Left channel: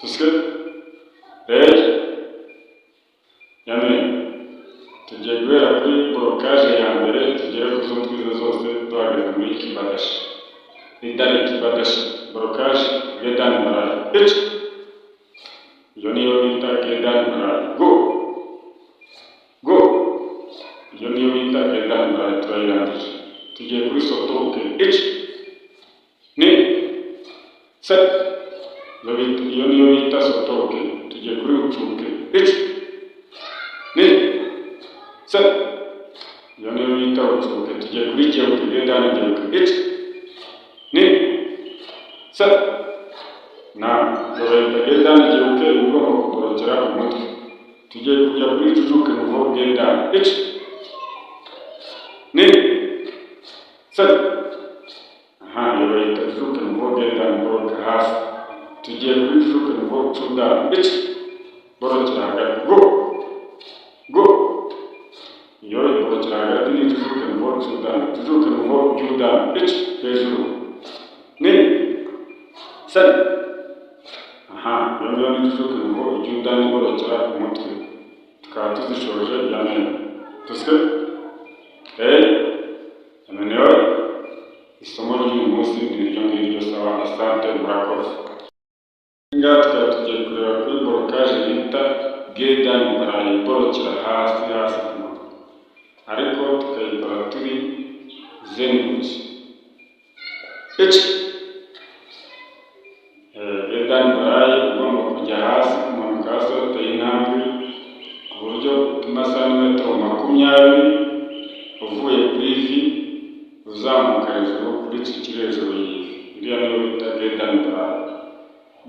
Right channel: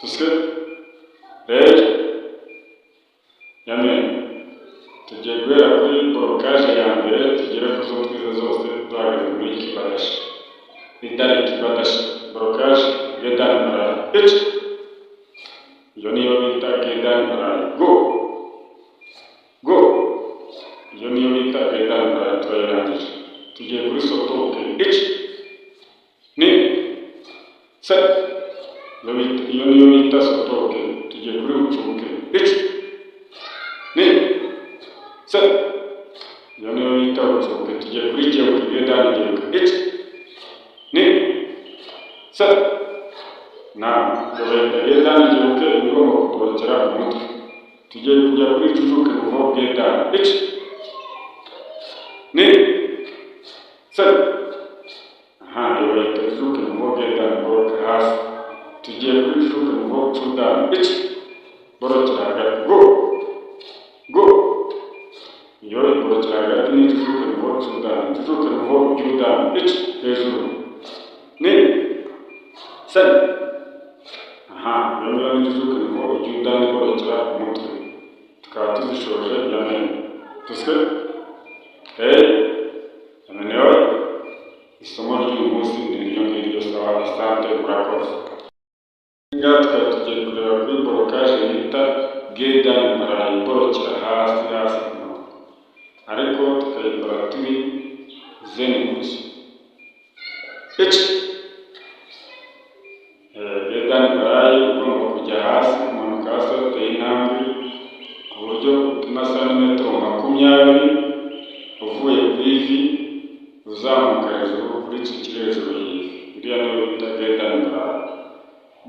Tuske rero yamen tugiye guhera kuri borokaje ya mbere tugere ku zo twize zose duhagaze muri kibadashi idari kibadashi borokaje gedani maraya iyo niyo bita gedani maraya go iyo niyo bita gedani maraya turayirangije tugiye kuri sotoke ni se iyo niyo bita sotoke tugiye kuri ucuke ni se iyo niyo bita ucuke tugiye kuri geuke gedani geuke ni se na iyo bayita gedani geuke igomba kuborokera umutwe tugiye kujya kuri cucuke nuvo gedani ni se iyo bayita cucuke nuvo gedani boroka hasi tugiye kuri cucuke nuvo cudani borokera hagati go iyo iborokera hagati ni cucuke nuvo cudani cucuke nuvo judani hejuru ni se iyo ngiyo ni cucuke nuvo judani borokera umutwe tukaba tuzishoje yamen tuske yamenewe isomo ry'uyu munsi ni iryo ngiryo sawa asante murakoze ngaha tukaba tugiye kureba kuri borokaje bita gedani maraya iborokera hasi ku mutwe ariko tukayikora turi zeni gusa gedani maraya ugomba kujya hasi kumanuka hasi wateye intambwe ku buryo utuma santimetero 20 uvuye kuri ivi uzamuka hejuru kuri iki kiri hejuru y'ivi iriya niyo bita gedani maraya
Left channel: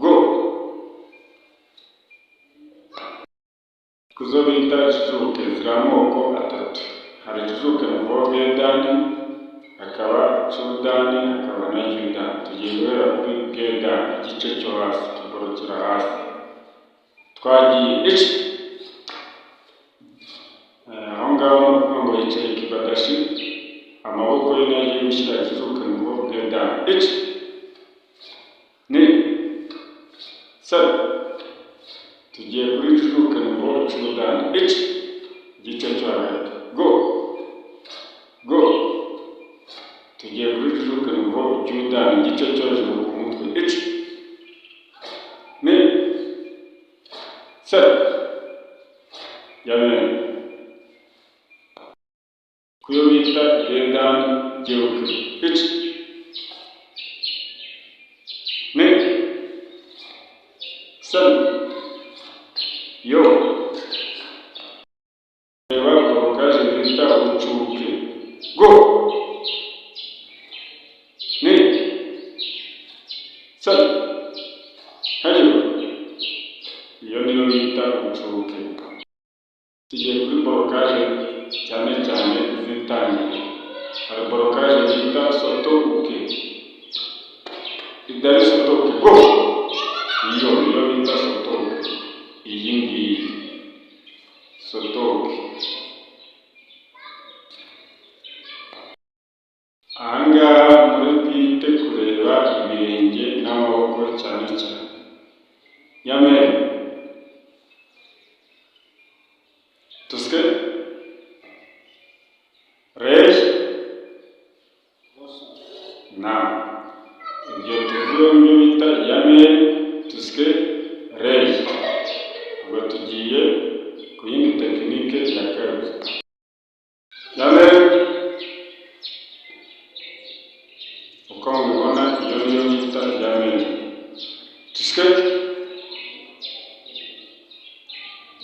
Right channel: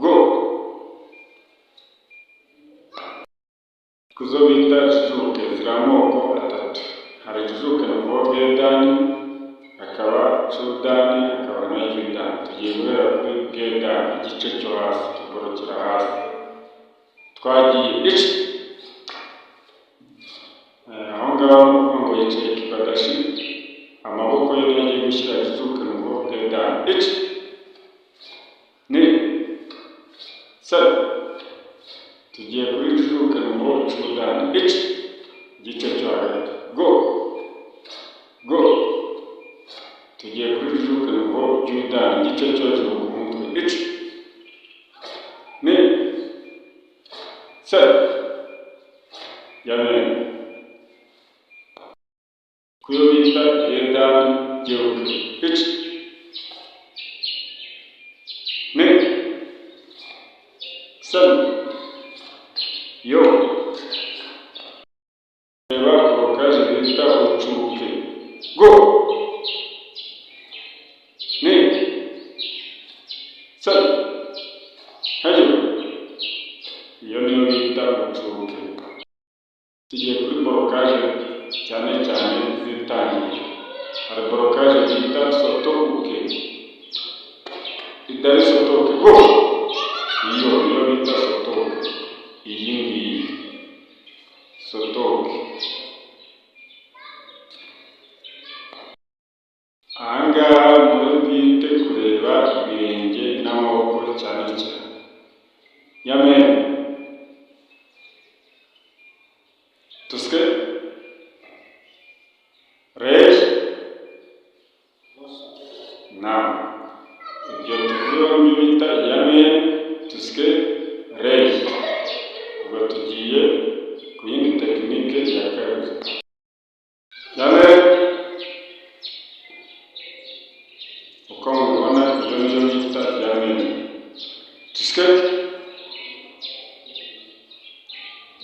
go kuzo bita cucuke ziri amoko atatu hari cucuke nuvo gedani hakaba cudani hakaba na judani tugiye guhera kuri gedani igice cyo hasi tuborokera hasi twagiye aho ngaho kuvuga ngo yicaye kibadashi amaboko ye niyo agiye gushyira cucuke nuvo gedani ni se tugiye kuri cucuke nuvo cudani igice cyo hagati go tugiye kuri cucuke nuvo judani igice cyo hejuru ku mutwe ni se yamen kuyo bita gedani geuke ni se yo reba borokaje bita ucuke go ni se iyo niyo bita ucuke tugiye kuri borokaje cyane cyane zitangiye hari borokaje bita sotoke idari sotoke go iyo bita sotoke iyi ngiyi sotoke ahangaha muri bwite kureba ibirenge n'amaboko cyane yamen tuske reje na ibyo tuvuye mu bita yamen tuske reje ubwo tugiye ku yindi tekinike ya kabiri yamen uko mubibona iyo niyo bita yamen tuske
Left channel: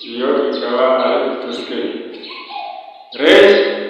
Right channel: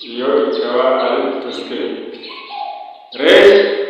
iyo ikaba ari tuske reje